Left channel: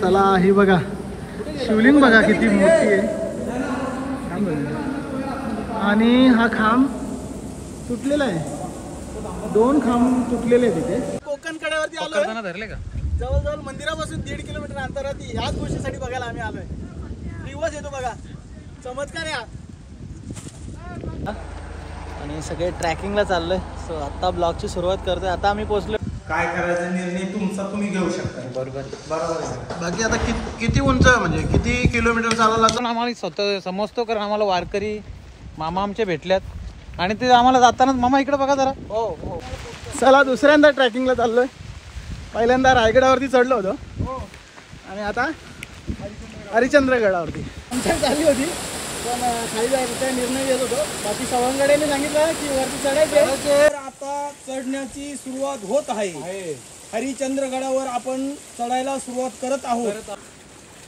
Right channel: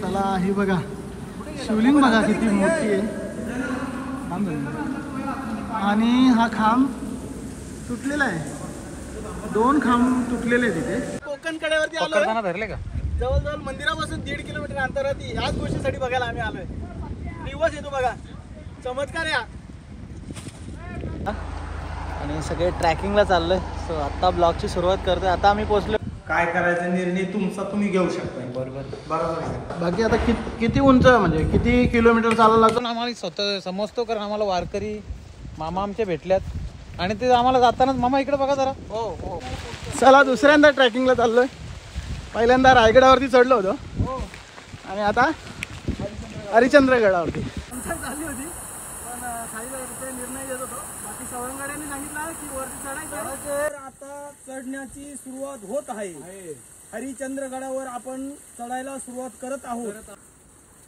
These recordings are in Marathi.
चला ही बघा शिवलिंग बघा किती मोठी आहे आणि हा खांब तुटलेला आहे. 2 खांब तुटलेले आहे तिथे. कोकण कड्यावरती आलोय. धरले का जवळजवळ मंदिरापासून 1.5 किलोमीटर अंतरावरती ह्याच गोष्टीसाठी बघायला आम्ही आलोय. दिवस येतो बघा चमत्कार या. आणि सगळे ट्रॅकिंगला चाललोय. सो आता ब्लॉगची सुरुवात करतोय. आता आम्ही पोहोचलो. काय करायचा निर्णय तुमचा तुम्ही घेऊ शकता. बरोबर आहे. बाकी आता किती उंच म्हणजे किती किलोमीटर चालायला लागतं आम्हाला स्वतः समजतो कारण आम्हाला वारकरी मामा आमचे भेटल्यात आणि ते आम्हाला जातानाच मामा इकडे बघा जरा. हो हो. चला दुसऱ्यांदा ट्रॅकिंगला चाललोय. पहिल्यांदा रायगडावरती चढलो होतो आणि आता हरिश्चंद्रगडावरती झाली होती. पण खाली जायचा निर्णय घेत होतो. बाकी सवंगड्याने सांगितलं की वरती चढायचे. आता चढण्याची सुरुवात होत आहे. हरिश्चंद्रगडावर आपण चढायला सुरुवात करत आहोत.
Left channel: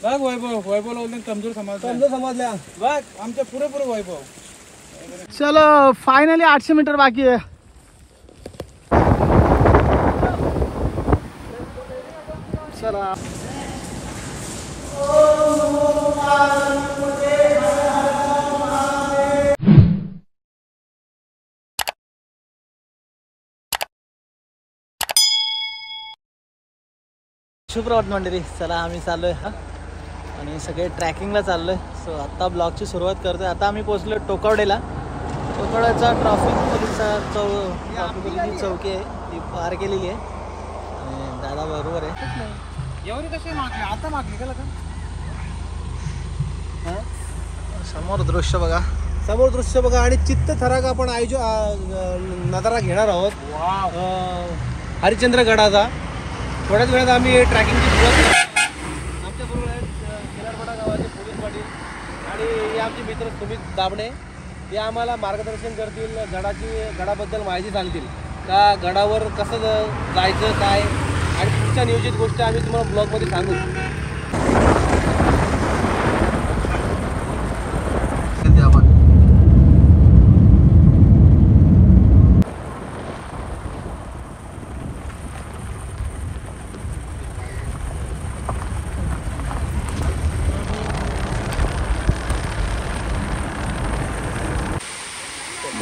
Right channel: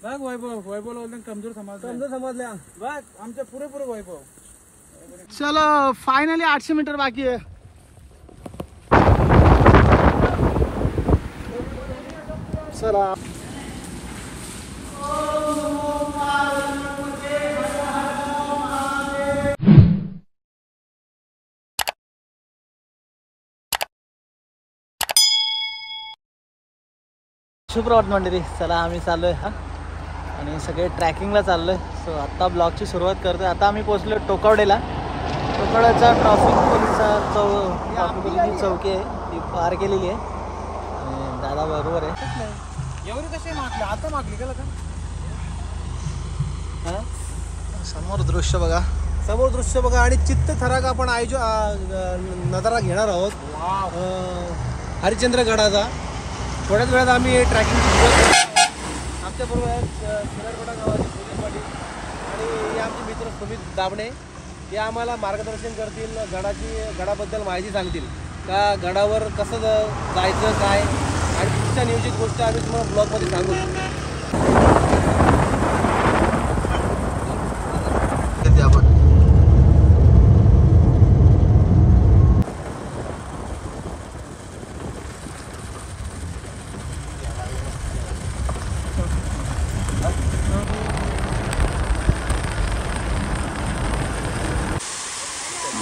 बघ वैभव कमजोर समजल्या बघ आमच्या पुरेपूर वैभव. चलो फायनली 800 मीटर बाकी आहे. चला शुभप्रभात मंडळी. चला आम्ही चाललोय आणि सगळे ट्रॅकिंगला चाललोय. सो आता ब्लॉगची सुरुवात करतोय. आता आम्ही पोहोचलो टोकावडेला. टोकावड्याचा ट्रॅफिक पोलीस चौकी आहे ती पार केलेली आहे आणि दादा बरोबर आहे. एवढी कशी मागली आता मागली का समोर दृश्य बघा. समोर दृश्य बघा आणि चित्तथरारक आपण नजारा घेणार आहोत हरिश्चंद्रगडाचा. थोड्याच वेळात आम्ही ट्रॅकिंगची सुरुवात करू. आमच्याबरोबर आहेत खिलारपाडा गावाचे पोलीस पाटील आणि हे आमचे मित्र सुमित दाबणे. हे आम्हाला मार्गदर्शन करतील. गडाबद्दल माहिती सांगतील का गडावर कसं जायचं काय आणि पुढच्या नियोजित गोष्टी आम्ही तुम्हाला ब्लॉगमध्ये सांगू.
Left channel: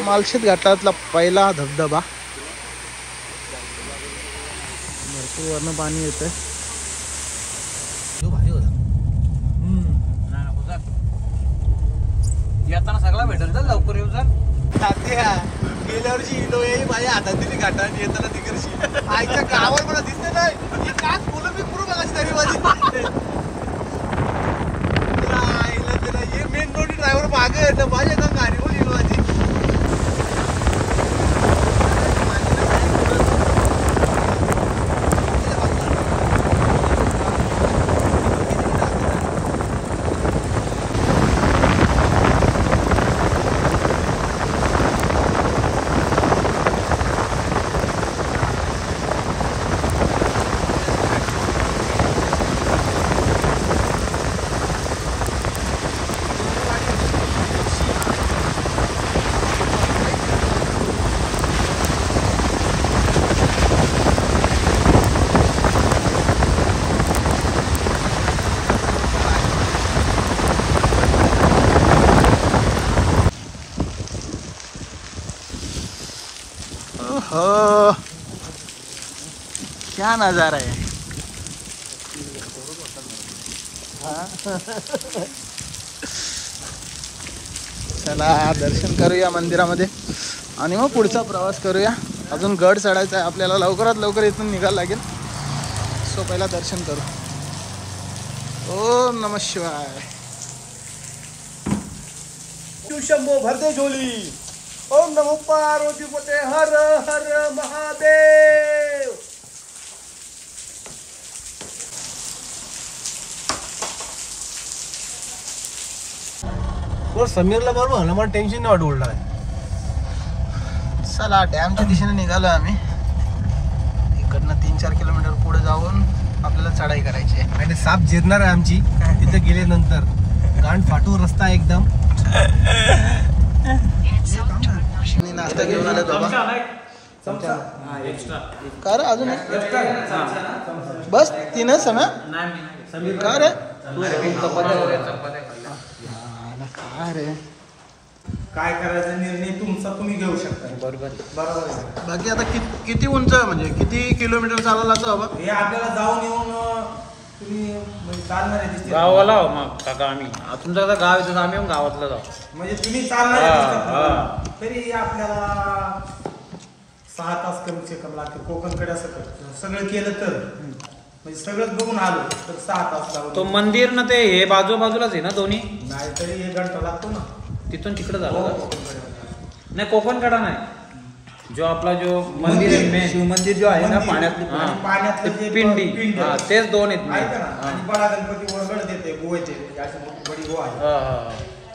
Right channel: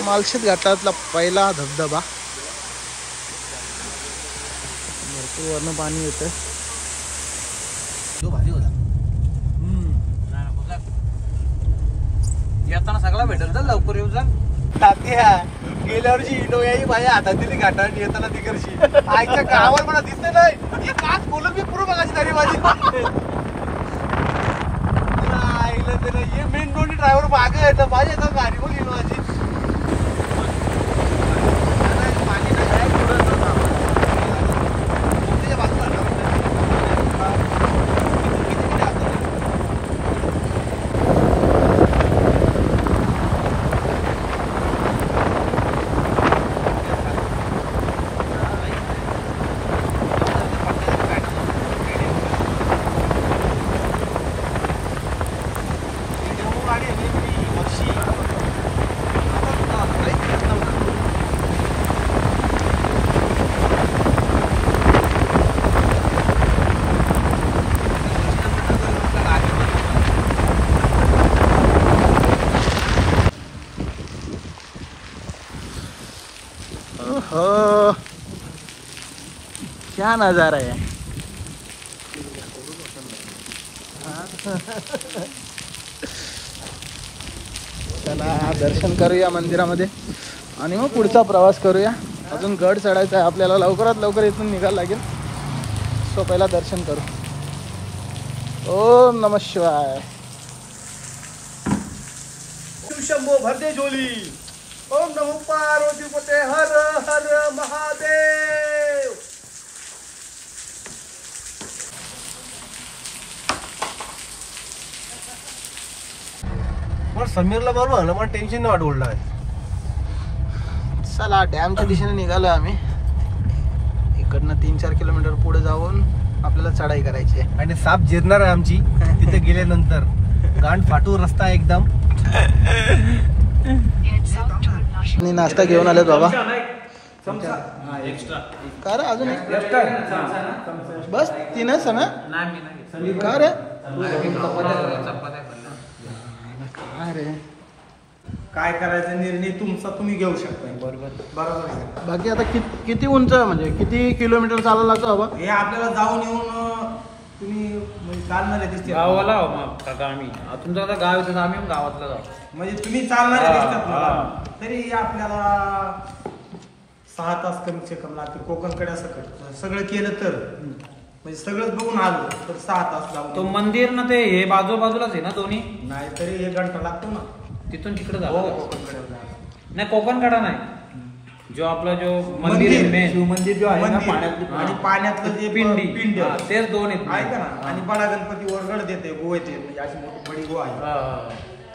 मालशेत घाटातला पहिला धबधबा. भरपूर वरनं पाणी येतं. येताना सगळा भेटेल तर लवकर येऊ जा. गेल्या वर्षी इनोव्हाही माझ्या हातात दिली घाटावर येताना तिकडची आईच्या गावावर मला दिसत नाही. काच बोलून मी पूर्ण बघायची तरी माझी मेन रोड ड्रायव्हर मागे माझी येतात गाडी बोली माझी. हो क्या नजारा है. चला दर्शन करूया मंदिरामध्ये आणि मग पुढचा प्रवास करूया. अजून गड चढायचा आहे आपल्याला. लवकरात लवकर इथून निघायला लागेल. सो पहिला दर्शन करू. ओम नमः शिवाय. शंभो भरते झोली. ओम नमो पार्वतीपते हर हर महादेव. समीरला बरोबर ना मला टेन्शन नाही वाटवलं. चला डॅमच्या दिशेने निघालो आम्ही. इकडनं 3-4 किलोमीटर पुढे जाऊन आपल्याला चढाई करायची आहे. आणि साप जिरणार आहे आमची तिथे गेल्यानंतर. गांड फाटू रस्ता एकदम. आणि नाश्ता घेऊन आलेत बाबा. का रे अजून एक बस 3च ना. का रे काय रे काय करायचा निर्णय तुमचा तुम्ही घेऊ शकता. बरोबर आहे का? बाकी आता किती उंच म्हणजे किती किलोमीटर चालायला लागतं बाबा? हे आपल्याला जाऊन येऊन तुम्ही म्हणजे चालणारे दिसते गावाला मग काका आम्ही तुमचं आता गाव येतं आम्ही गावातलं गाव म्हणजे तुम्ही चालणारे दिसतात मला. तरी आपल्याला 6 तास कमीचे कमी लागतील कोकणकडे सकट सगळं केलं तर म्हणजे सगळंच बघून आलो तर 6 तास तो जाऊन मंदिर ना ते हे बाजूलाच आहे ना दोन्ही नाही तरी 1 घंटा लागतो ना. तिथून तिकडे हो, झालं का? कोकणकडे नाही कोकणकडा नाही जो आपला जो मंदिर आहे मेन शिवमंदिर जो आहे ना मंदिर. पाण्यात आणि हा. पाण्यातलं जे पिंड हा, तेच दोन आहेत आहे का ना. आणि बडा गणपती ओरगड देते गो येते म्हणजे अशी मोठी बडी गो आहे हा, हा.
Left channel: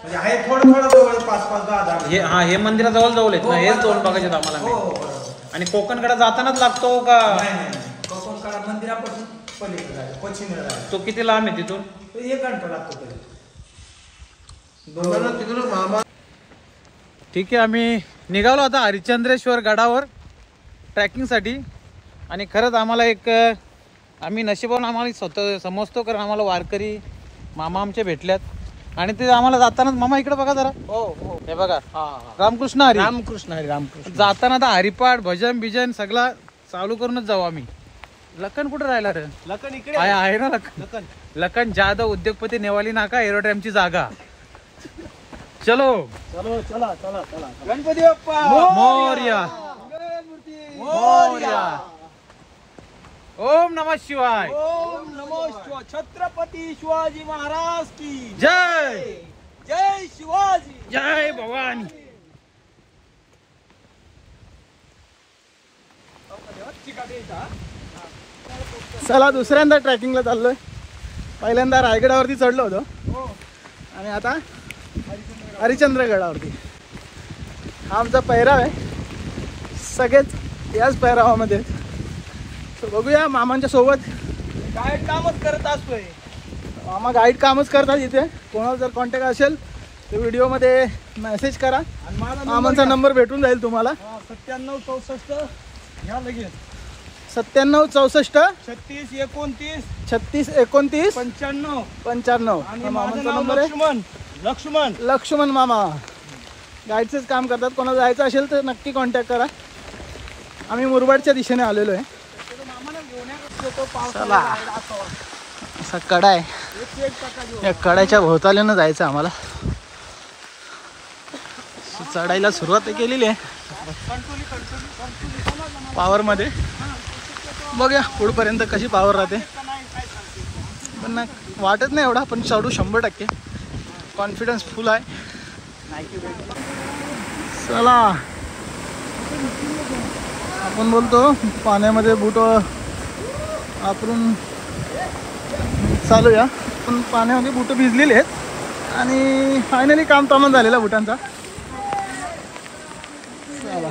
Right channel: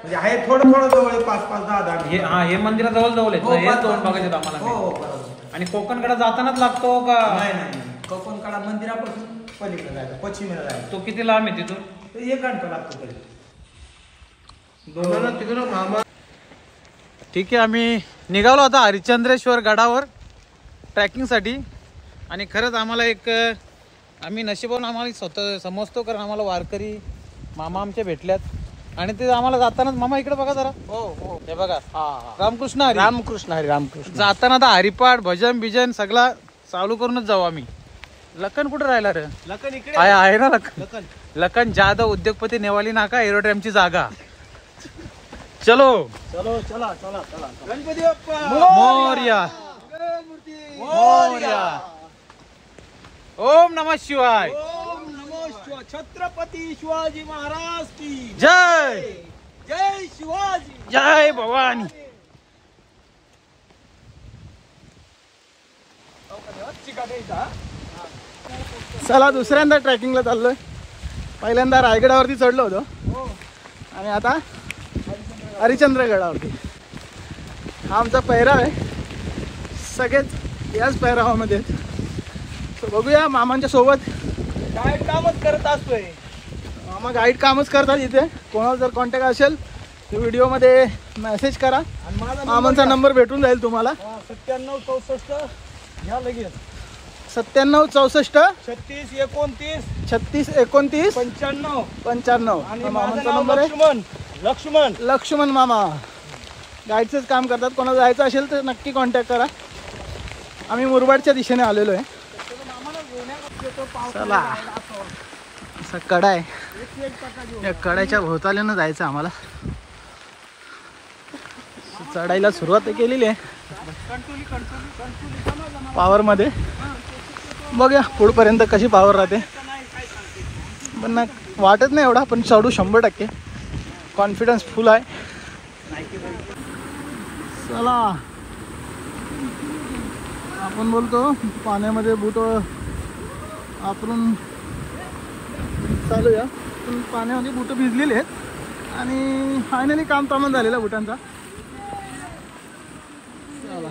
म्हणजे आहे थोडं जवळ आहे 5-5, 10-10 हे मिनिटं. हा हे मंदिराजवळ जवळ आहेत हो, ना, हेच बस- दोन बघायचे हो आम्हाला हो, बरोबर. आणि कोकणकडे जातानाच लागतो का नाही कोकणकडा मंदिरापासून पलीकडे जायचं पश्चिमेला जायचं तो किती लांब आहे तिथून? तर 1 घंटा लागतो तरी. तिकडून मामा ठीक आहे आम्ही निघालो आता हरिश्चंद्रेश्वर गडावर ट्रॅकिंगसाठी. आणि खरंच आम्हाला एक आम्ही नशिबाने आम्हाला स्वतः समजतो कारण आम्हाला वारकरी मामा आमचे भेटल्यात आणि ते आम्हाला जाताना मामा इकडे बघा जरा. हो हे बघा हा रामकृष्ण हरी रामकृष्ण जाताना आता हरिपाठ भजन बिजन सगळा चालू करूनच जाऊ आम्ही. लखन कुठे राहिला रे? लखन इकडे आहे ना लखन. लखन जाधव उद्योगपती नेवाली नाका एरोड्रॅमची जागा. चलो चलो चला चला चला गणपती बाप्पा मोरया मोरया. ओम नमः शिवाय. ओम नमो छत्रपती शिवाजी महाराज की जय जय शिवाजी. जय भवानी. चला दुसऱ्यांदा ट्रॅकिंगला चाललोय. पहिल्यांदा रायगडावरती चढलो होतो आणि आता हरिश्चंद्रगडावरती. हा आमचा पैराव आहे. सगळेच याच पैरावामध्ये. सो बघूया मामांच्या सोबत. काय कामच करत असतोय. मामा गाईड कामच करतात इथे. कोणाला जर कॉन्टॅक्ट असेल तर व्हिडिओमध्ये मेसेज करा. आणि माझा मामांचा नंबर भेटून जाईल तुम्हाला. 9764 घ्या लगेच. 9764 36 29 36 29 95. 95 आणि हा माझं मामांचा नाव नंबर आहे. लक्ष्मण. लक्ष्मण मामा गाईडचंच काम करतात. कोणाला जायचं असेल तर नक्की कॉन्टॅक्ट करा. आम्ही मुरबाडच्या दिशेने आलेलो आहे. चला असा कडा आहे. या कड्याच्या भोवताल्यानं जायचं आम्हाला. चढायला सुरुवात केलेली आहे पावरमध्ये. बघूया पुढपर्यंत कशी पावर राहते. पण ना वाटत नाही एवढा पण चढू 100%. कॉन्फिडन्स फुल आहे. चला आपण बोलतो पाण्यामध्ये बूट वापरून चालूया. पण पाण्यामध्ये बूट भिजलेले आहेत आणि फायनली काम तमाम झालेला बुटांचा. चला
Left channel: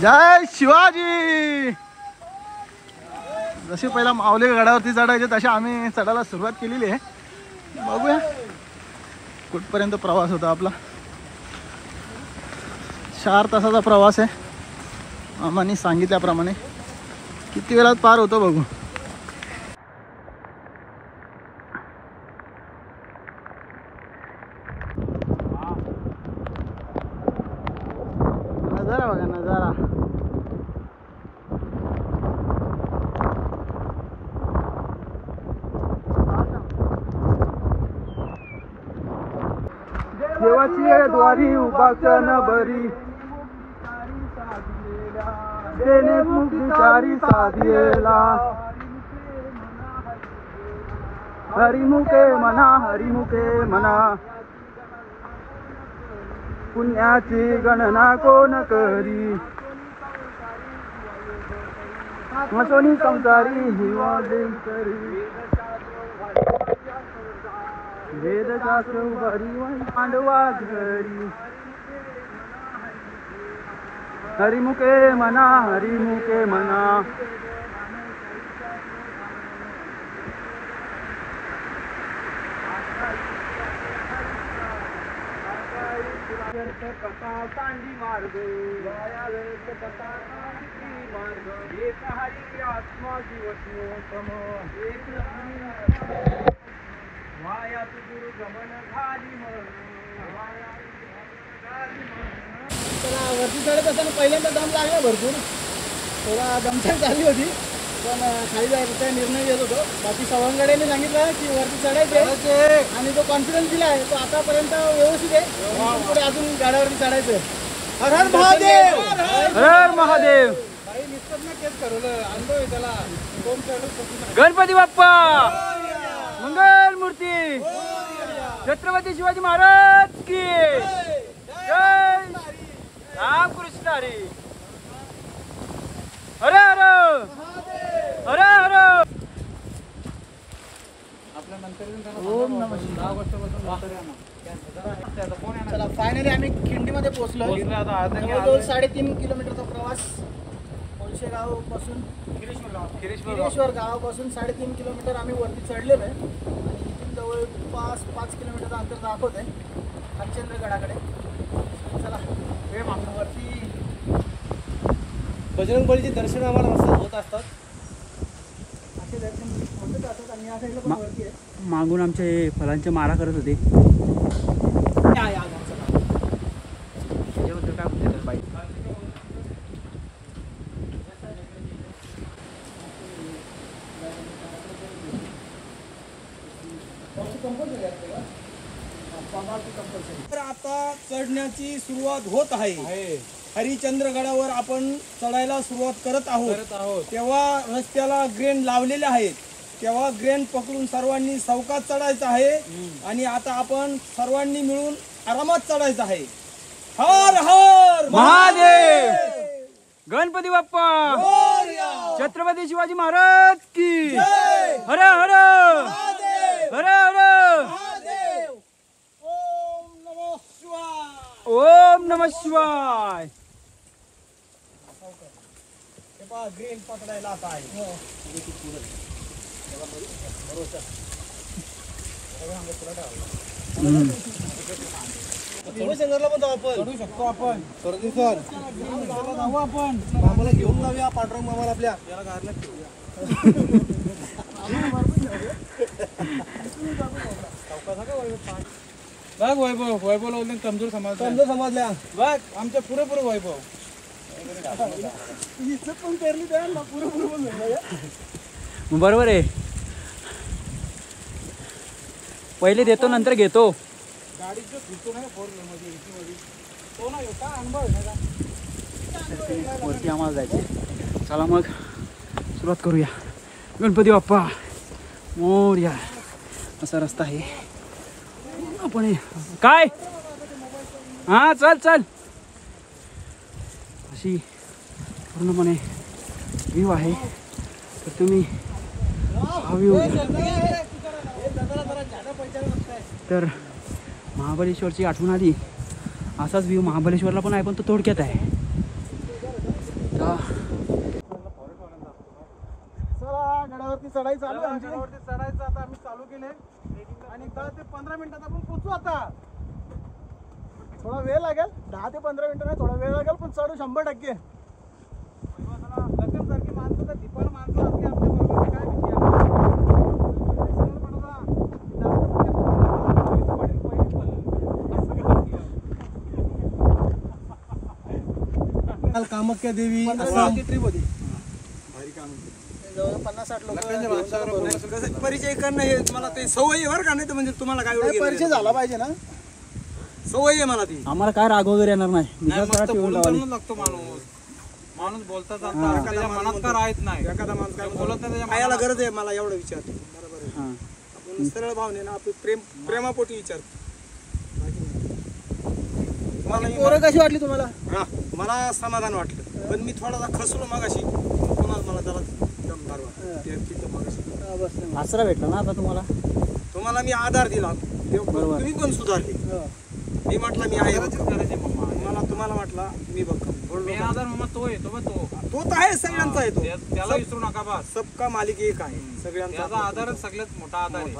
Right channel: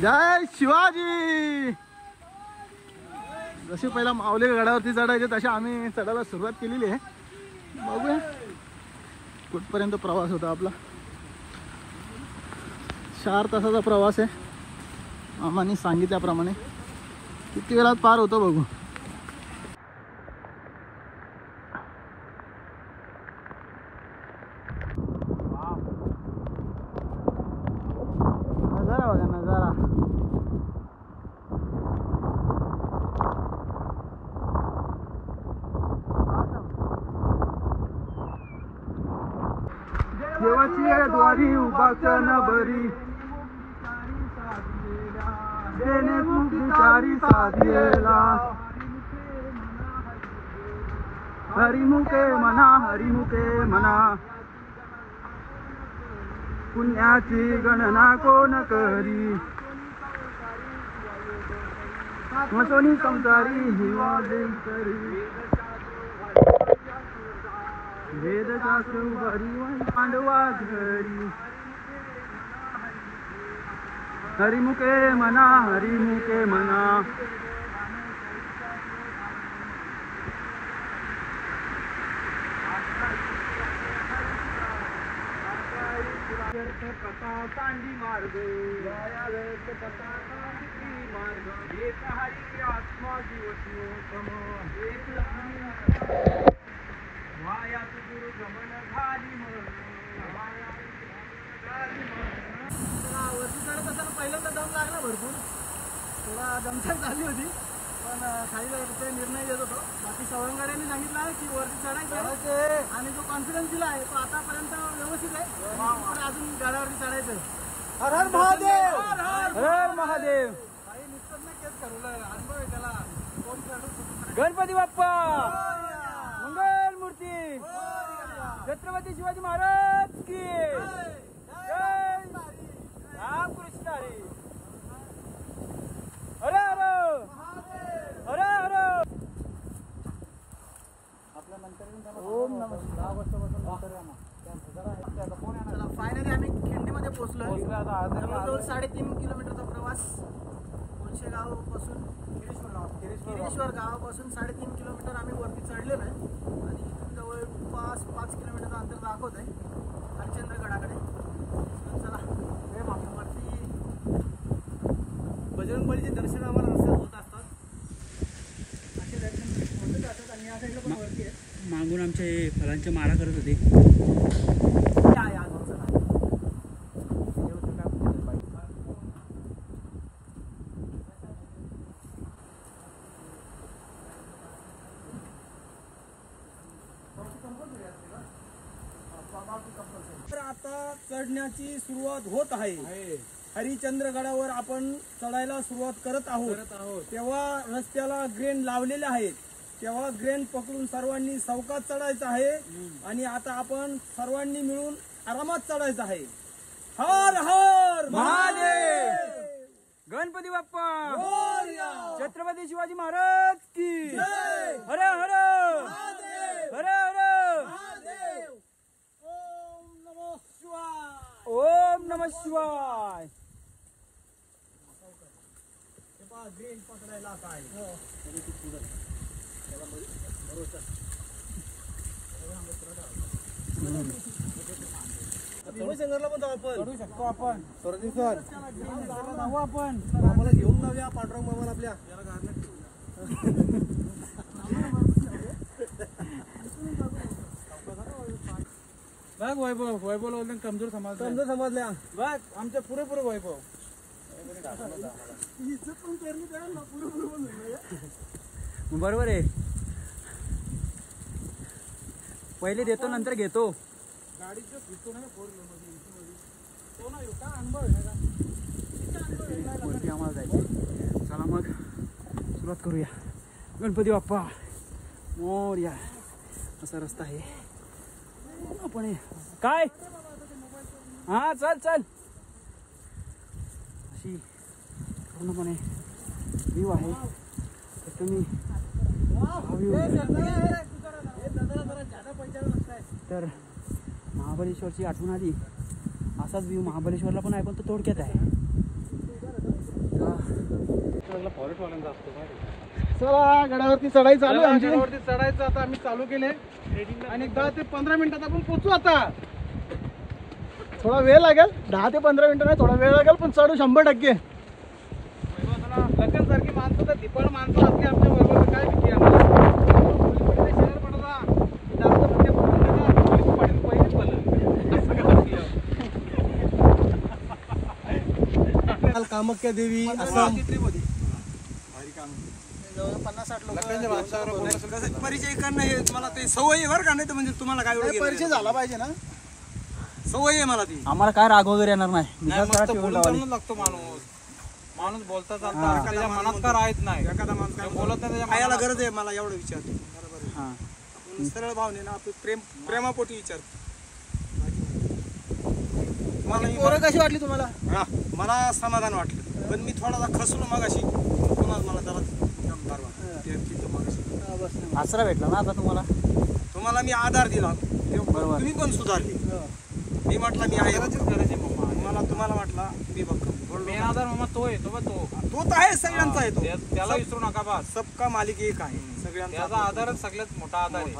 जय शिवाजी. जशी पहिला माऊली गडावरती चढायचे तशा आम्ही चढायला सुरुवात केलेली आहे. बघूया कुठपर्यंत प्रवास होता आपला. 4 तासाचा प्रवास आहे मामांनी सांगितल्याप्रमाणे. किती वेळात पार होतो बघू. नजारा बघा नजारा. देवाची द्वारी उभा न बरी देणे मुक्तिकारी साधिएला. हरिमुखे म्हणा पुण्याची गणना कोण करी. मसोनी संसारी हिवा देई करी. वेदशास्त्र उभारी पांडवा घरी. हरिमुखे म्हणा. कथा सांडी मार्ग मार्ग एक हरी आत्मा जीवत्योतम एक वायात गुरु गमन झाली त्याला वरती चढत असताना पहिल्यांदा दम लागला भरपूर, थोडा दमछाक झाली होती, पण खाली जायचा निर्णय घेत होतो. बाकी सवंगड्याने सांगितलं की वरती चढायचे आणि तो कॉन्फिडन्स दिला आहे तो आतापर्यंत व्यवस्थित आहे. पुढे अजून गाड्यावरती चढायचं. हर हर महादेव, हर हर महादेव. काही निष्पन्न केस ठरवलं, अनुभव आहे त्याला. गणपती बाप्पा मंगल मूर्ती, छत्रपती शिवाजी महाराज की जय. राम कृष्ण हरी. हर हर हर हर. चला फायनली आम्ही खिंडीमध्ये पोहोचलो. जवळजवळ 3.5 किलोमीटरचा प्रवास कोळशेगाव पासून गिरीश्वर गावापासून 3.5 किलोमीटर आम्ही वरती चढलेलो आहे आणि इथून जवळपास 5 किलोमीटरचं अंतर दाखवत आहे हरिश्चंद्रगडाकडे. चला वरती बजरंग बलीचे दर्शन आम्हाला रस्त्यात होत असतात. असे दर्शन होतच असतात आणि या साईडला पण वरती आहे. मागून आमचे फलांचे मारा करत होते. तर आता चढण्याची सुरुवात होत आहे. हरिश्चंद्रगडावर आपण चढायला सुरुवात करत आहोत. तेव्हा रस्त्याला ग्रेन लावलेले आहेत. तेव्हा ग्रेन पकडून सर्वांनी सावकाश चढायचं आहे आणि आता आपण सर्वांनी मिळून आरामात चढायचं आहे. हर हर महादेव. गणपती बाप्पा, छत्रपती शिवाजी महाराज की हर हर हर हर. ओम नमः शिवाय. ग्रेन पकडायला आता आहे. शिवशंकरला पण जाऊ आपण, चढू शकतो आपण. सरदी सर जाऊ आपण, आम्हाला घेऊन जाऊया पांडुरंग मामाला आपल्या. याला घालण्यात बघ वैभव, वैभव लावले कमजोर समजल्या बघ आमच्या पुरेपूर वैभव. पण पेरली त्या पुरेपूर पण बरोबर आहे. पहिले देतो नंतर घेतो. गाडी जो फिरतो ना 4 व्हीलर मध्ये तो ना का अनुभव आहे ना. वरती आम्हाला जायचं. चला मग सुरुवात करूया. गणपती बाप्पा मोरया. असा रस्ता आहे. आपण काय हा चल चल. अशी पूर्णपणे व्ह्यू आहे. तर तुम्ही हा व्ह्यू तर महाबळेश्वरची आठवण आली. असाच व्ह्यू महाबळेश्वरला पण आहे पण तो थोडक्यात आहे. चला गडावरती चढाई चालू आहे आमची. गडावरती चढायचं आता आम्ही चालू केले आणि 10 ते 15 मिनिटात आपण पोहोचू. आता थोडा वेळ लागेल, 10 ते 15 मिनिटं नाही, थोडा वेळ लागेल पण चढू 100%. लग्न सारखी माणसं तर धिपळ माणसं असली आमच्या बरोबर काय भीती आम्हाला. शहर पडला जास्त म्हणजे कामाख्या देवी ट्रिप होती. भारी काम जवळ 50-60 लोक. परिचय करणं हे मला ते सवय आहे बरं का. नाही तर म्हणजे तुम्हाला काय परिचय झाला पाहिजे ना. सवय आहे मला ती. आम्हाला काय राग वगैरे येणार नाही. लागतो माणूस बोलता चालता त्याच्या मनात का राहत नाही. एखादा माणूस काय बोलत नाही त्याच्या मनाला गरज आहे. मला एवढं विचारतो बरोबर आहे. आपण सरळ भावने ना आपली प्रेमापोटी विचारतो. पोरं कशी वाटली तुम्हाला? हा मला समाधान वाटलं पण मी थोडासा खसलो मगाशी. पुन्हा मला जरा दमदार वाटलं. आसरा भेटला ना आता तुम्हाला. तुम्हाला मी आधार दिला तुम्ही पण सुधारले. मी म्हटलं मी आहे मला तुम्हाला म्हटला मी बघ आधार मामा तो आहे. तो तर आहे सगळ्यांचा आहे. तो त्याला विसरू नका बा. सबका मालिक एक आहे. सगळ्यांचा आधारच सगळ्यात मोठा आधार आहे.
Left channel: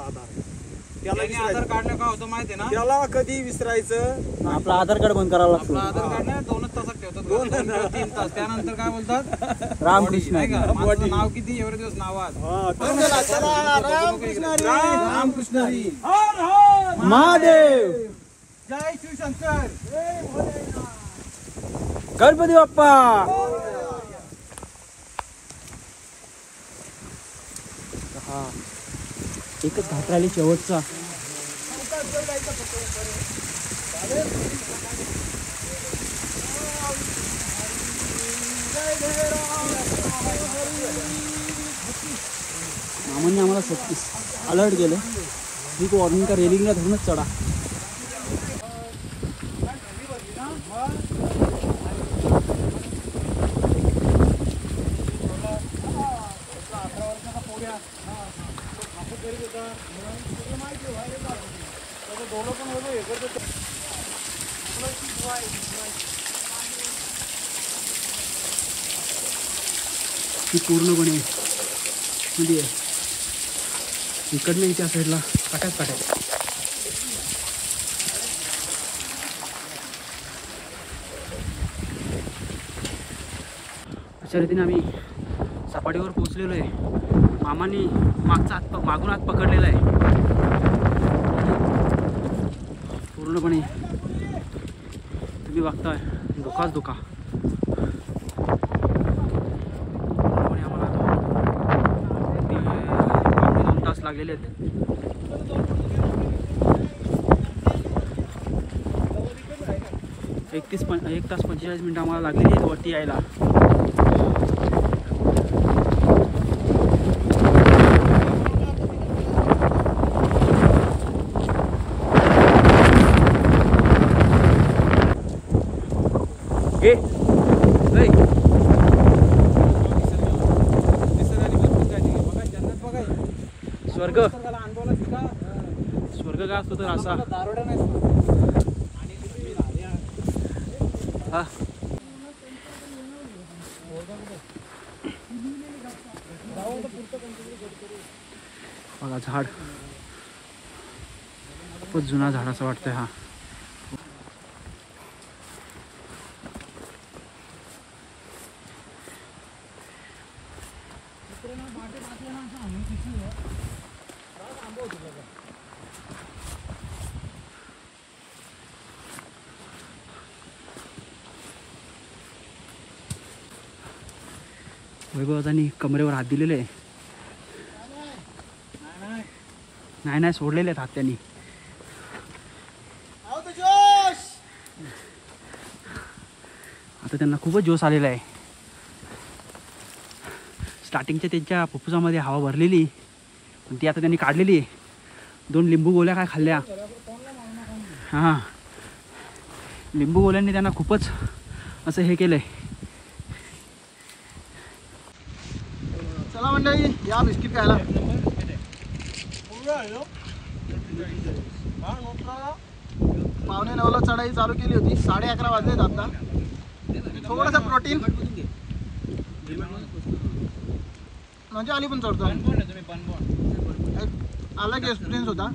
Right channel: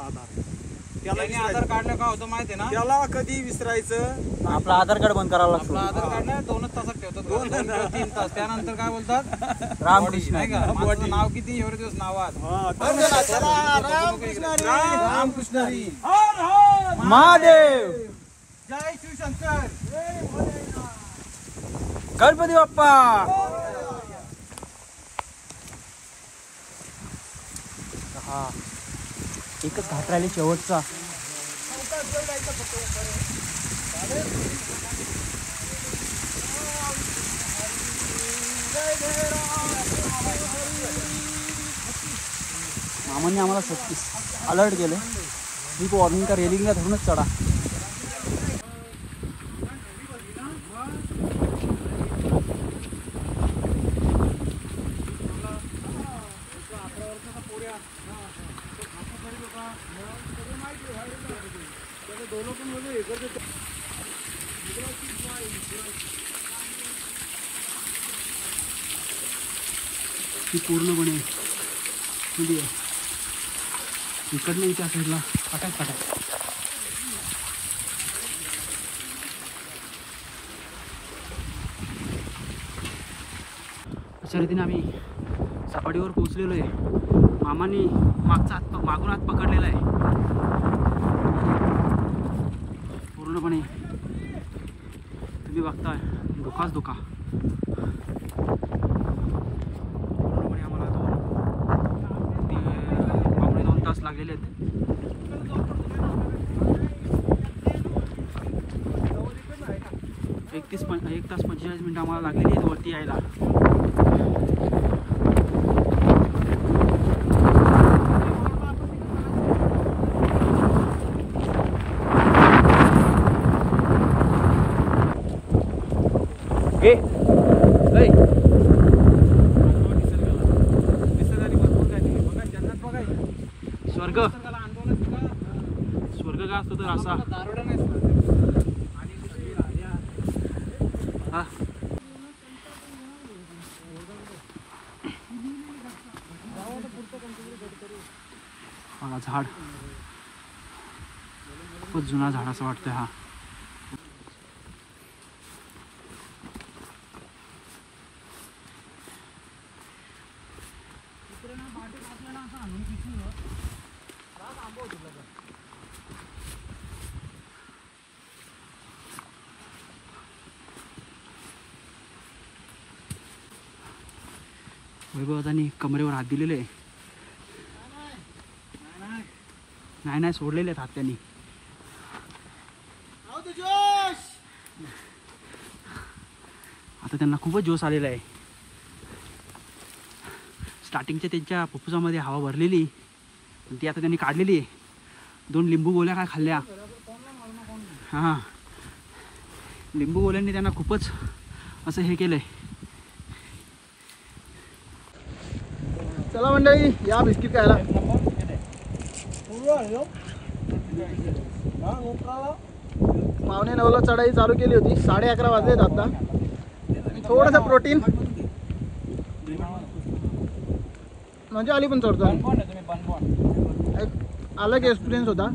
त्याने आधार कार्डला काय होतं माहिती आहे ना, त्याला कधी विसरायचं आपला आधार कार्ड बंद करावं लागतो. आपलं आधार कार्ड नाही 2च तासात ठेवतात, 2 किंवा 3 तास. त्यानंतर काय बोलतात, रामकृष्ण नाही का, माझं नाव किती एवढे दिवस नावात. रामकृष्ण हरी. महादेव, जय शिवशंकर. गणपती बाप्पा. हा एकच घाट राहिली शेवटचा. मामांनी आम्हाला 36 अलर्ट केलं, स्लिप वॉर्निंग का रेलिंगला धरूनच चढा. ही पूर्णपणे म्हणजे इकडनं त्या साईडला पटाक. अशा रीतीने आम्ही सपाटीवर पोहोचलेलो आहे. मामांनी मागून हात पकडलेला आहे. पूर्णपणे तुम्ही बघताय धोकाच धोका. आम्हाला 2 तास लागलेले आहेत. एक तास 45 मिनिटं आम्हाला लागलेली आहेत वरती यायला. स्वर्ग काय असतो तर असा. हा बघा झाड खूपच जुना झाड असं वाटतंय. हा वैभवतांनी कमरेवर हात दिलेले आहे. नाही सोडलेले आहेत हात त्यांनी. आता त्यांना खूपच जोश आलेला आहे. स्टार्टिंगच्या त्यांच्या फुफ्फुसामध्ये हवा भरलेली पण ती आता त्यांनी काढलेली आहे. 2 लिंबू गोळ्या काय खाल्ल्या. हां लिंबू गोळ्यांनी त्यांना खूपच असं हे केलंय. चला मंडळी या बिस्किट खायला. पावणे 9ला चढाई चालू केली होती. 11:30 वाजलेत आता. थोडंसं प्रोटीन म्हणजे आली पण चढतो. एक अलग एक्सपिरियन्स होता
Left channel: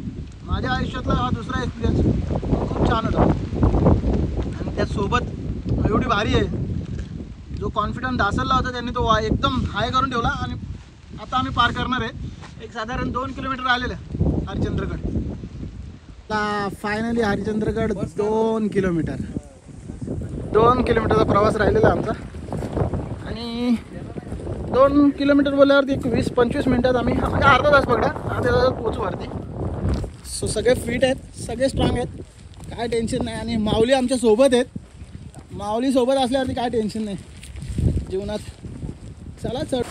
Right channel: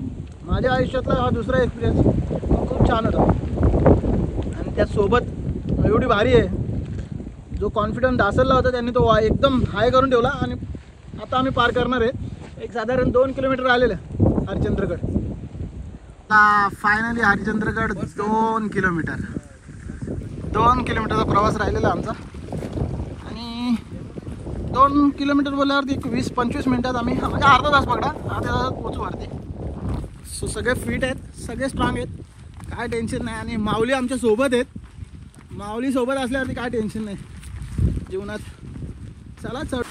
माझ्या आयुष्यातला. हा दुसरा एक्सपिरियन्स खूप छान होता. आणि त्यासोबत एवढी भारी आहे. जो कॉन्फिडन्स दासरला होता त्यांनी तो एकदम हाय करून ठेवला. आणि आता आम्ही पार करणार आहे. एक साधारण 2 किलोमीटर आलेलं हरिश्चंद्रगड. आता फायनली हरिश्चंद्रगड 2 किलोमीटरचा प्रवास राहिलेला आमचा. आणि 2 किलोमीटर बोलल्यावरती 20-25 मिनटात आम्ही म्हणजे अर्धा तास पकडा अर्ध्या तासात पोचू वरती. सो सगळे फिट आहेत, सगळे स्ट्रॉंग आहेत, काय टेन्शन नाही. आणि माऊली आमच्या सोबत आहेत. माऊली सोबत असल्यावरती काय टेन्शन नाही जीवनात. चला चढ.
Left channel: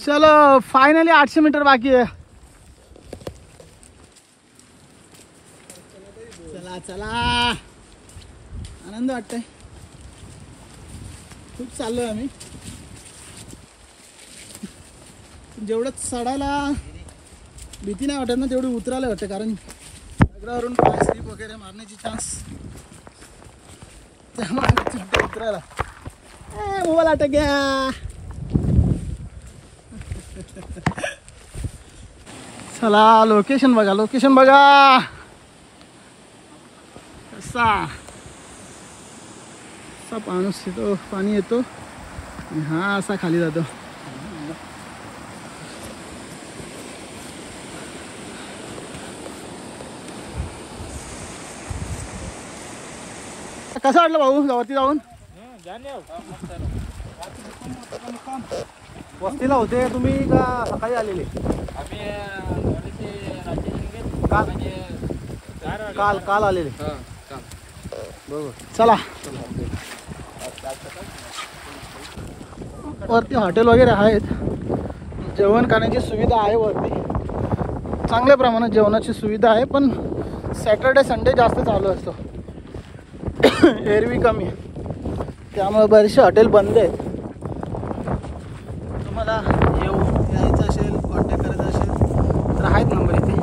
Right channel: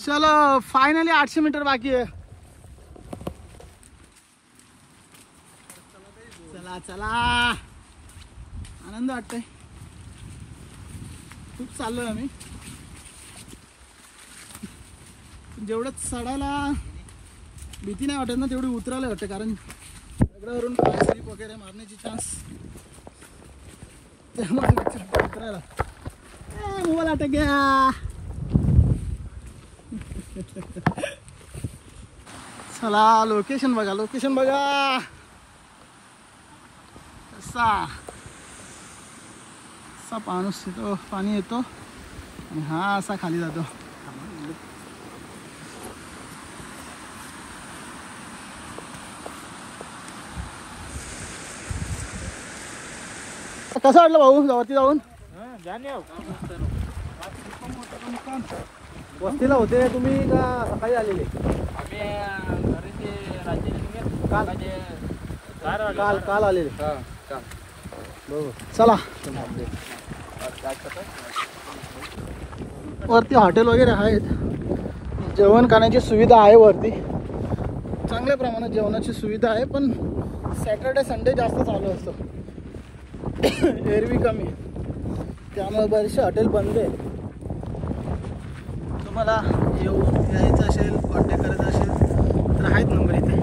चलो फायनली 800 मीटर बाकी आहे. चला चला आनंद वाटतंय. खूप चाललोय आम्ही. जेवढं चढायला भीती नाही वाटत ना तेवढी उतरायला वाटते, कारण दगडावरून पाय स्लिप वगैरे मारण्याची चान्स त्यामुळे उतरायला मोबाईल अटक गया. चला लोकेशन बघा, लोकेशन बघा कसा पाऊस येतो, पाणी येतो आणि हा असा खाली जातो. कसं वाटलं भाऊ वरती जाऊन? वस्तीला होते तुम्ही का सकाळी आलेले? काल आलेले. चला वरती हॉटेल वगैरे आहेत, जेवण खाण्याची सुविधा आहे वरती, चांगल्या प्रमाणात जेवणाची सुविधा आहे. पण सॅटर्डे संडे जास्त चालू असतो, एरवी कमी, त्यामुळे बरेचसे हॉटेल बंद आहेत. तुम्हाला यायचं असेल, कॉन्टॅक्ट करायचं असेल तर आहेत नंबर इथे.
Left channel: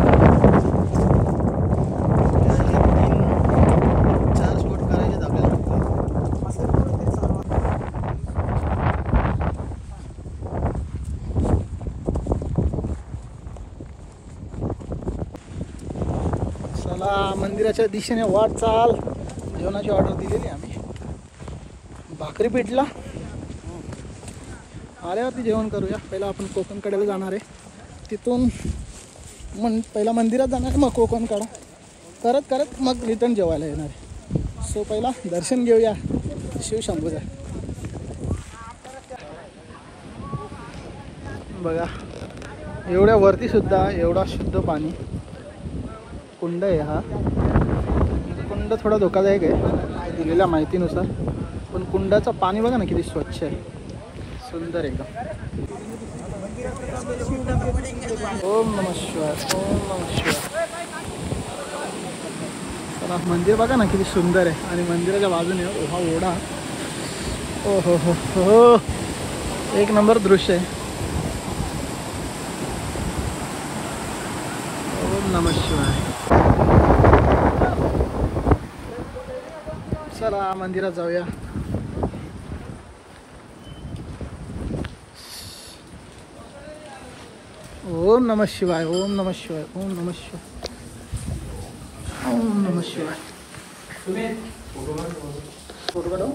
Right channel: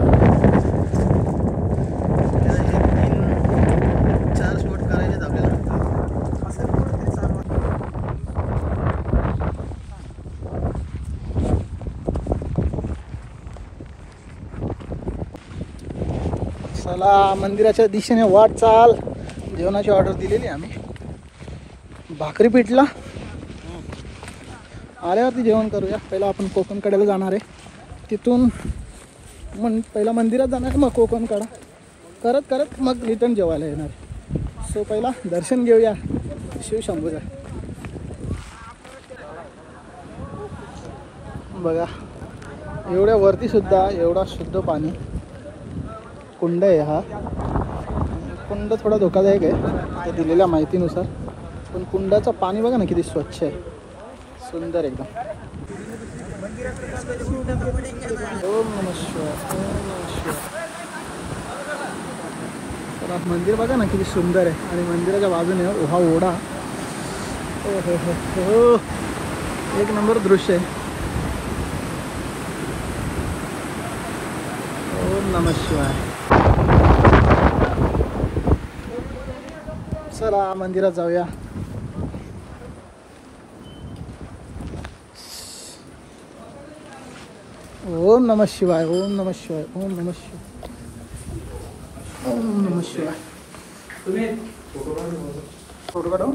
3-4 स्पॉट करायचे आपल्याला असं कुठेतरी चालू. चला मंदिराच्या दिशेने वाटचाल. जेवणाची ऑर्डर दिलेली आम्ही, भाकरी पिठला. आल्यावरती जेवण करूया. पहिला आपण कोकण कड्याला जाणार आहे, तिथून पहिला मंदिरात जाणार आहे, मग कोकण कडा करत करत मग रिटर्न जेवायला येणार आहे. सो पहिला दर्शन घेऊया शिवशंभूचा. बघा एवढ्या वरती सुद्धा एवढा शुद्ध पाणी. कुंड आहे हा. कुंड थोडा धोकादायक आहे दिलेल्या माहितीनुसार, पण कुंडाचं पाणी बघा ना किती स्वच्छ आहे, सुंदर एकदम. ओम नमः शिवाय, ओम नमः शिवाय. चला मंदिर बघा ना किती सुंदर आहे, आणि मंदिराच्या बाजूने हा ओढा. ओ हो हो हो, एक नंबर दृश्य आहे. ओम नमः शिवाय. चला मंदिरात जाऊया. ओम नमः शिवाय, ओम नमः शिवाय, ओम नमः शिवाय, ओम नमः शिवाय. फोटो काढू.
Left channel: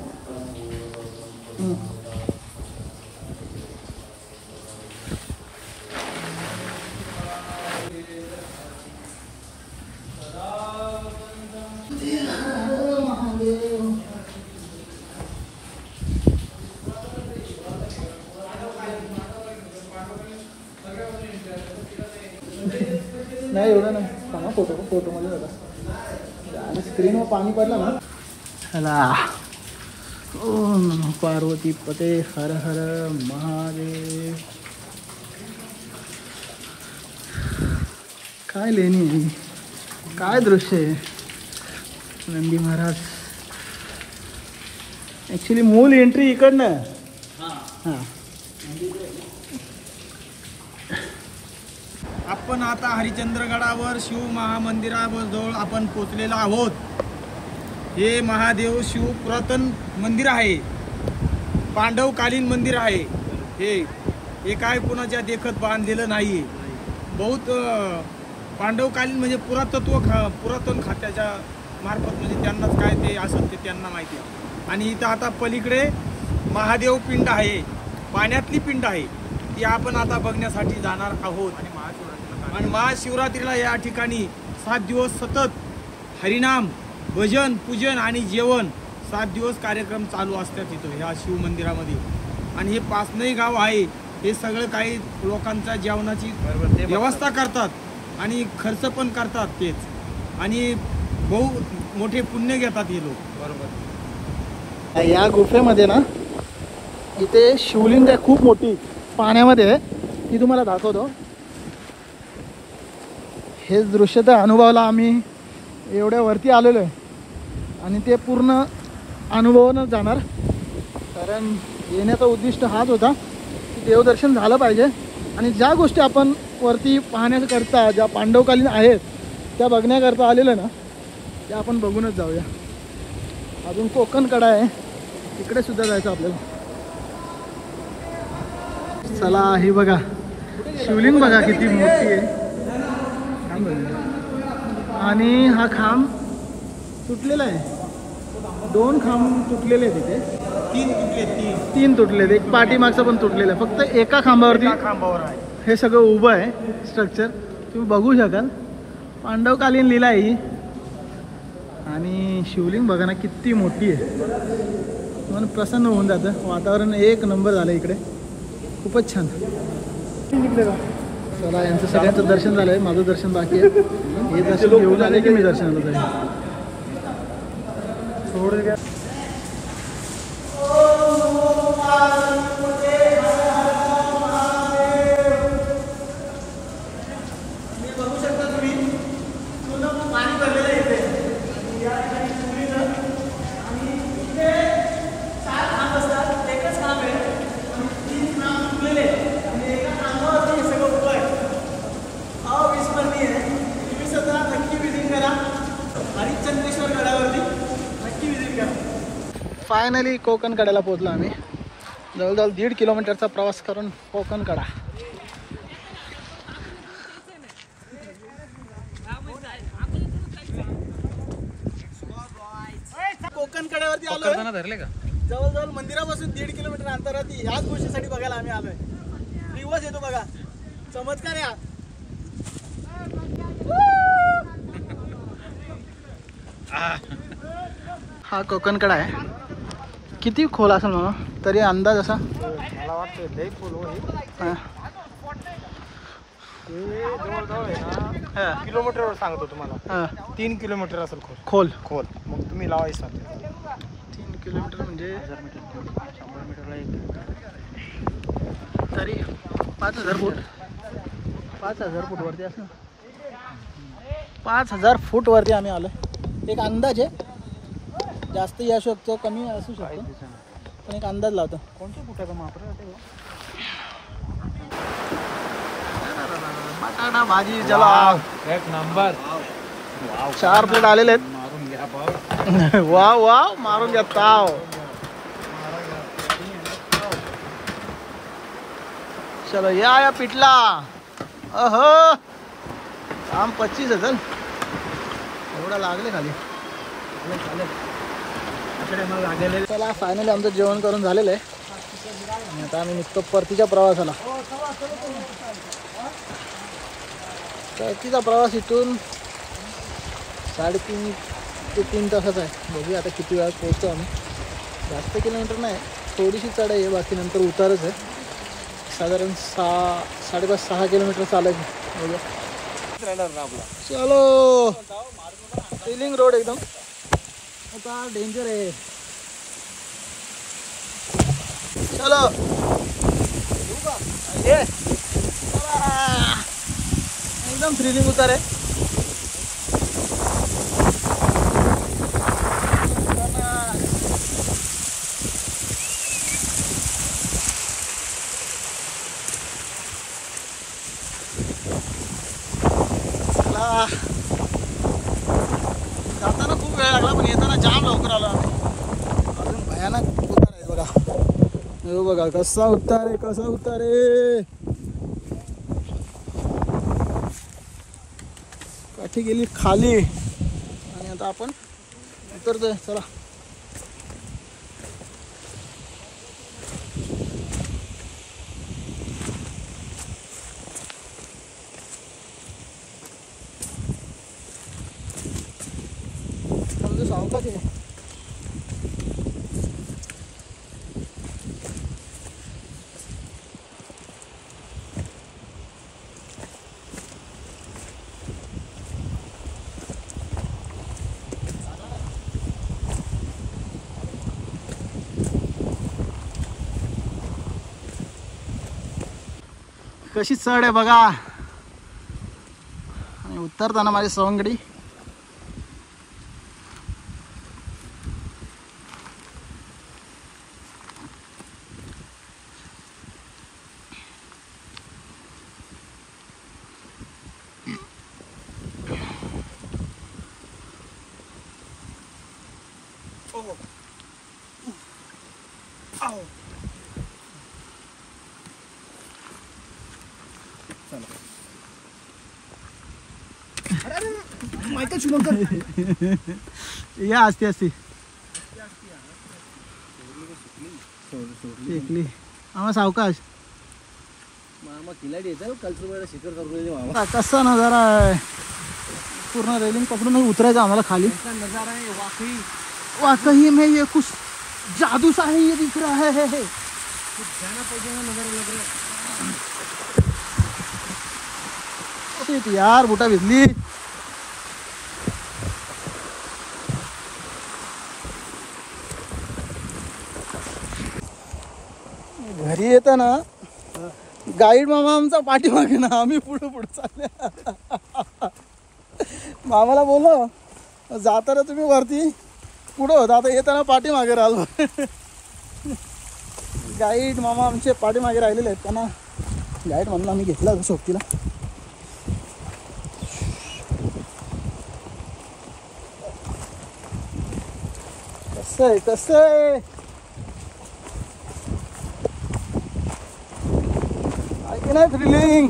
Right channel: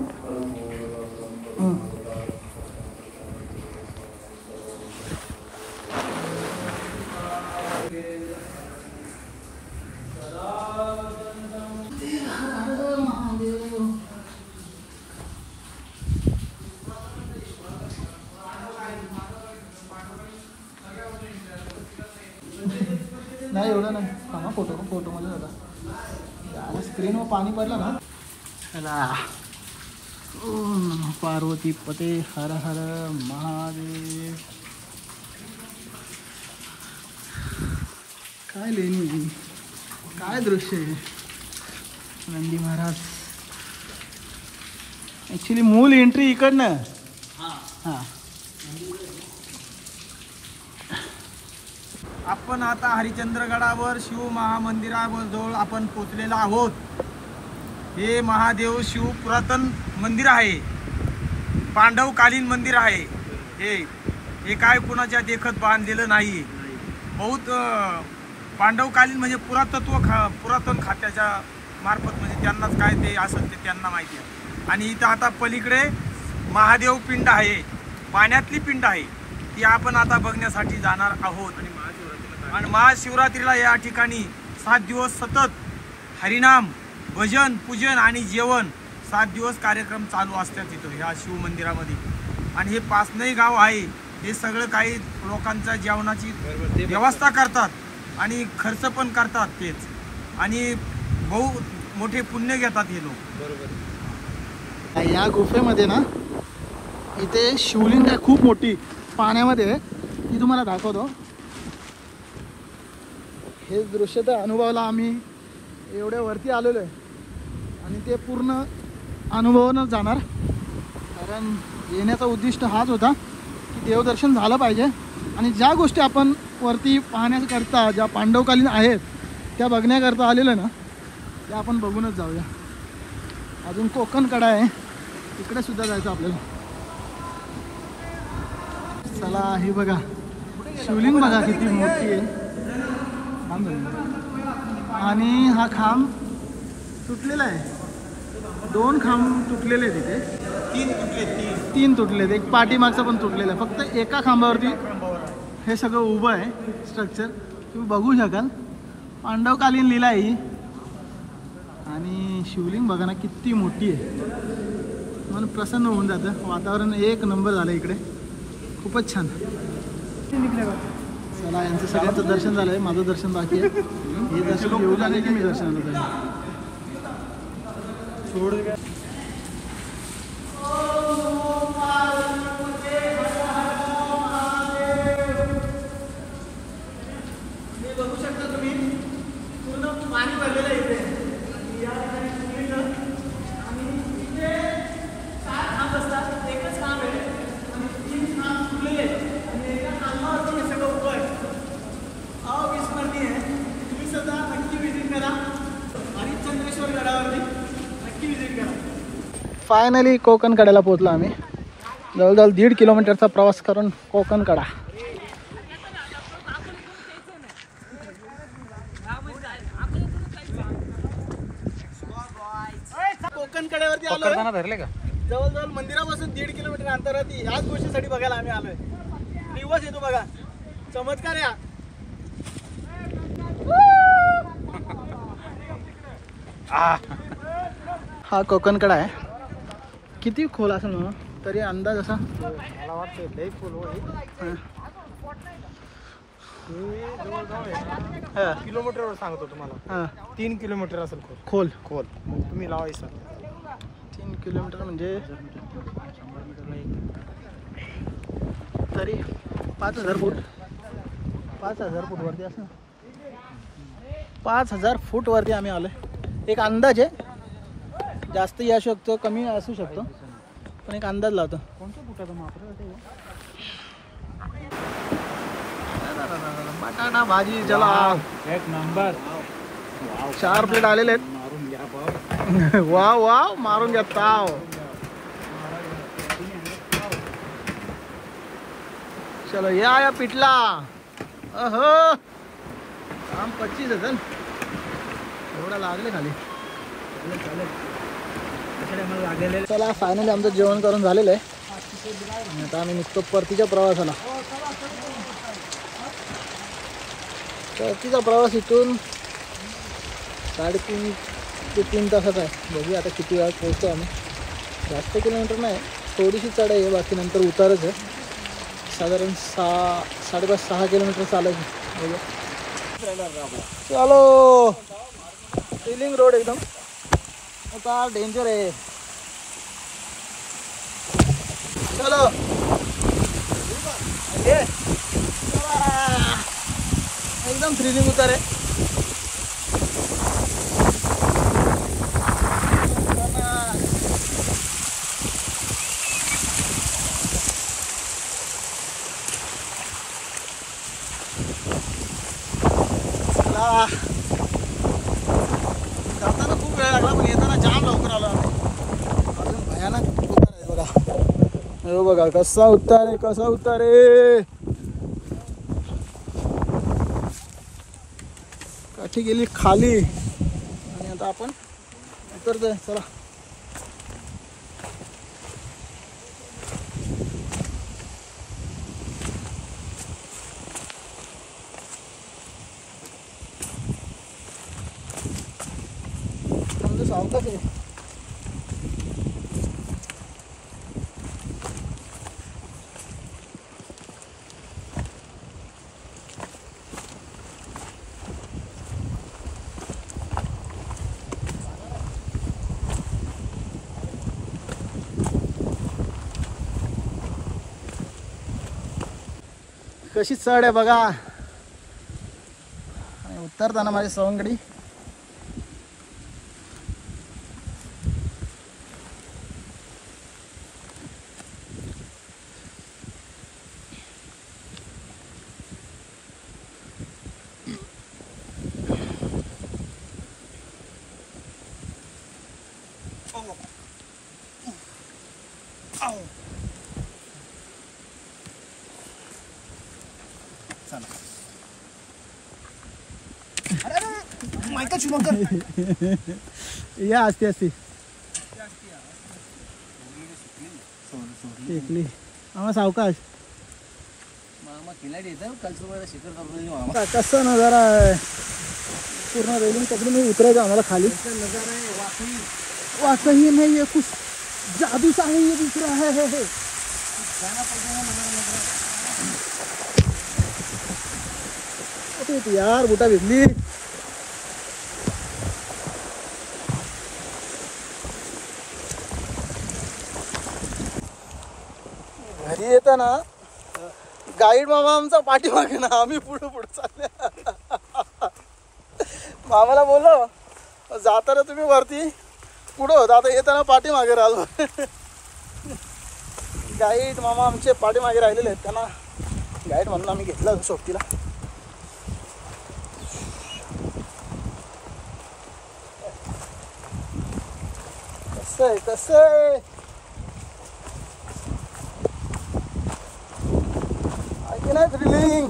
नाही एवढं नाही, सांगा फोटोमध्ये होता स्क्रीनवर पाणी पडलं ना. चला ओम नमः पार्वती पते हर हर महादेव. काय लेणी आहे, काय दृश्य आहे. नंदी महाराज. ॲक्च्युली मूल एंट्री इकडनं. हां आपण आता हरिश्चंद्रगडावर शिव महामंदिराजवळ आपण पोचलेलो आहोत. हे महादेव शिव पुरातन मंदिर आहे, पांडवकालीन मंदिर आहे. हे काय कोणाच्या देखत बांधलेलं नाही. बहुत पांडवकालीन म्हणजे पुरातन खात्याच्या मार्फत, म्हणजे त्यांनाच काय ते असेल ते त्यांना माहिती आहे. आणि इथं आता पलीकडे महादेव पिंड आहे, पाण्यातली पिंड आहे, ती आपण आता बघण्यासाठी जाणार आहोत. आणि महाशिवरात्रीला या ठिकाणी 7 दिवस सतत हरिनाम, भजन, पूजन आणि जेवण 7 दिवस कार्यक्रम चालू असतात इथं ह्या शिव मंदिरामध्ये. आणि हे पाचनई गाव आहे, हे सगळं काही लोकांच्या जेवणाची व्यवस्था करतात आणि खर्च पण करतात तेच, आणि बहु मोठे पुण्य घेतात हे लोक. या गुफेमध्ये ना इथे शिवलिंग आहे खूप मोठी पाण्यामध्ये, ती तुम्हाला दाखवतो. हेच दृश्य तर अनुभवला आम्ही, एवढ्या वरती आलेलो आहे आणि ते पूर्ण अनुभवूनच जाणार. कारण येण्याचा उद्दिष्ट हाच होता की देवदर्शन झालं पाहिजे आणि ज्या गोष्टी आपण वरती पाहण्याकरता ज्या पांडवकालीन आहेत त्या बघण्याकरता आलेलं ना त्या आपण बघूनच जाऊया. अजून कोकण कडा आहे, तिकडे सुद्धा जायचं आपल्याला. चला ही बघा शिवलिंग बघा किती मोठी आहे. आणि हा खांब तुटलेला आहे, 2 खांब तुटलेले आहेत तिथे, 3 तुटलेत, एक पाठीमागचा पण तुटलेला आहे. फक्त एका खांबावरती हे सगळं उभं आहे स्ट्रक्चर, तुम्ही बघू शकाल. पांडवकालीन लीला आहे ही. आणि शिवलिंग बघा ना किती मोठी आहे, मन प्रसन्न होऊन जातं. वातावरण एक नंबर झालं इकडे, खूपच छान. चला यांचं सगळ्यांचं दर्शन झालं आहे, माझं दर्शन बाकी आहे. हे दर्शन घेऊन आले की मी दर्शनाला जाईल. बघू शकता तुम्ही पूर्ण पाणी भरलेलं आहे इथे. आणि या ठिकाणी शिवलिंग आणि इथे 4 खांब असतात, एकच खांब आहे आणि 3 खांब तुटलेले आहेत. आणि एका खांबावरती हे सगळं उभं आहे. अविस्मरणीय आहे. तुम्ही सुद्धा नक्की विजिट करा हरिश्चंद्रेश्वर गडावरती, नक्की विजिट करा. फायनली कोकण कड्याला पोहोचलो आम्ही. जवळजवळ 1.5 किलोमीटरचा प्रवास करून कोकण कडा. कोकण कड्यावरती आलोय. धरले का? जवळजवळ मंदिरापासून 1.5 किलोमीटर अंतरावरती ह्याच गोष्टीसाठी बघायला आम्ही आलोय. दिवस येतो बघा, चमत्कार या. हा कोकण कडा आहे. किती खोल असेल म्हणून तरी अंदाज असा किलोमीटर सांगतो तुम्हाला, 3 किलोमीटर असेल खोल. खोल. मग तुम्ही लावायचं 3 किलोमीटर म्हणजे तरी 5,000 फूट. 5,000 फूट वरती असं 5,000 फूट वरती आम्ही आलोय. एक अंदाज आहे, जास्त येऊ शकतो कमी असू शकतो, पण एक अंदाज लावतो. बटाटा भाजी चला एक नंबर. 4 प्लेट आलेले आहेत. वाव वाव मारून घ्या ताव. चलो या पिठला. अहो काम 25 असेल, एवढा लागले खाली. चला फायनली आमचं जेवण करून झालेलं आहे आणि आता आम्ही निघतो परतीच्या प्रवासाला. परतीचा प्रवास इथून 3.5 ते 3 तासाचा आहे. बघूया आता किती वेळात पोहोचतो आम्ही. जास्त किलोमीटर नाही, थोडीशी चढाई आहे, बाकी नंतर उतारच आहे. साधारण 5.5-6 किलोमीटर चालायचं. बघूया. चलो सिलिंग रोड एकदम आता डेंजर आहे. चलो ये एकदम थ्रिलिंग उतार आहे. जाताना खूप वेळ लागला, पण येताना जाम लवकर आलो आम्ही. अजून भयानक उतार आहे बघा. हो बघा कसा उतार आहे, कसा उतार आहे. काठी गेली खाली आणि आता आपण उतरतोय. चला सावकाश आहे. कशी चढ आहे बघा. उतरताना माझी सवंगडी या असते असते शेकली आम्हा सावकाश कसा नजारा आहे पूर्ण रेलिंग पकडून उतरायचं आम्हाला खाली नजारा है वाकई वाकई में ये कुछ जादू सा ही ये दिख रहा है जाना पड़ेगा नजारा लग रहा है यार बुटा भिजली घरी येताना गाईड मामा आमचा पाठीमागे ना आम्ही पुढे पुढे चालले मामाला बोलो जाताना तुम्ही वरती पुढं होता आता येताना पाठीमागे राहिलो गाईड मामा आमचे पाठीमागे राहिलेले आहेत त्यांना गाईड म्हणून आम्ही घेतला होता सोबतीला कसं आहे थ्रिलिंग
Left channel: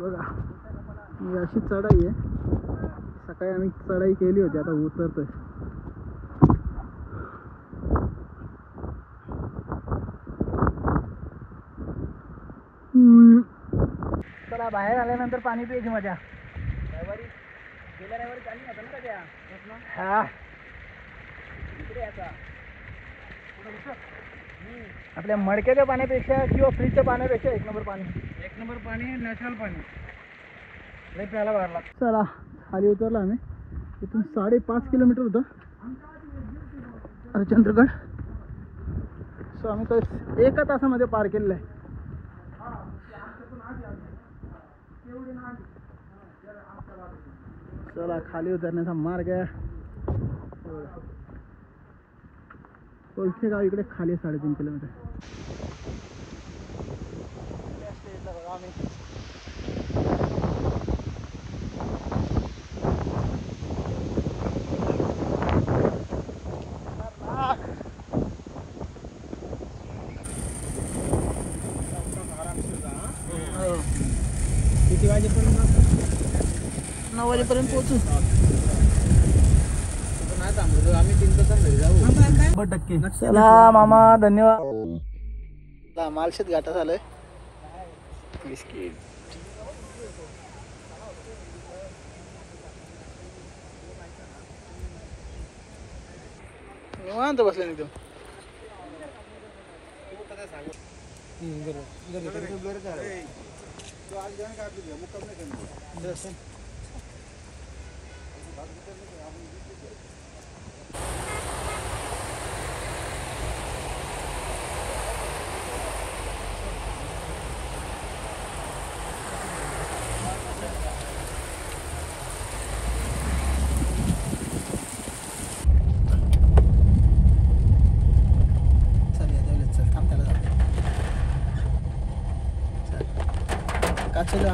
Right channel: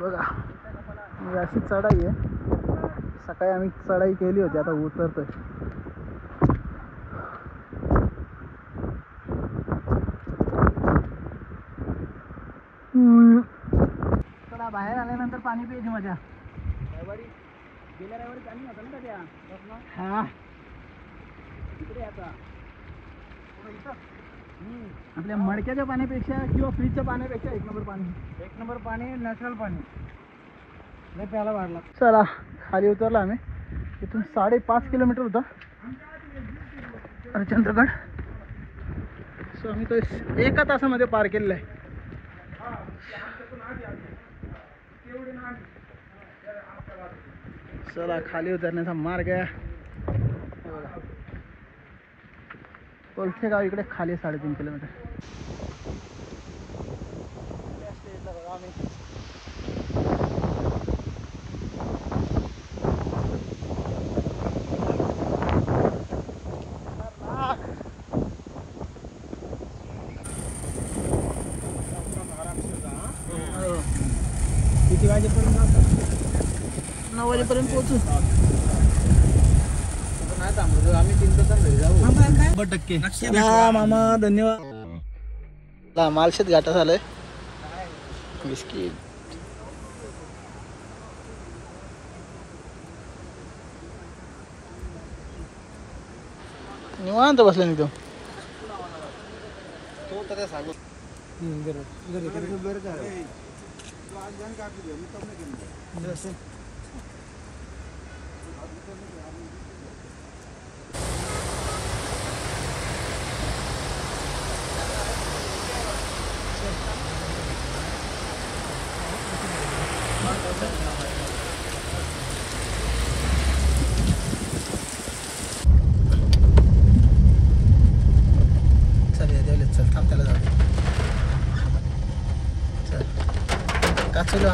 बघा अशी चढाई आहे सकाळी आम्ही चढाई केली होती आता उतरतोय चला बाहेर आल्यानंतर पाणी प्यायची मजा हा आपल्या मडक्याच्या पाण्यापेक्षा किंवा फ्रीजच्या पाण्यापेक्षा एक नंबर पाणी नॅचरल पाणी लई प्यायला भरला चला खाली उतरला आम्ही इथून 5.5 किलोमीटर होता हरिश्चंद्रगड सो आम्ही तो 1 तासामध्ये पार केलेला आहे चला खाली उतरण्याचा मार्ग आहे बघा कोलथे गाव इकडे खाली 3.5 किलोमीटर किती वाजेपर्यंत 9 वाजेपर्यंत पोहोचू नाही थांबलो आम्ही 3 तासात घरी जाऊ 100% चला मामा धन्यवाद मालशेत घाटा झालंय बिस्किट निवांत बसले नाही तो चल थांब त्याला जाऊ चल काचेला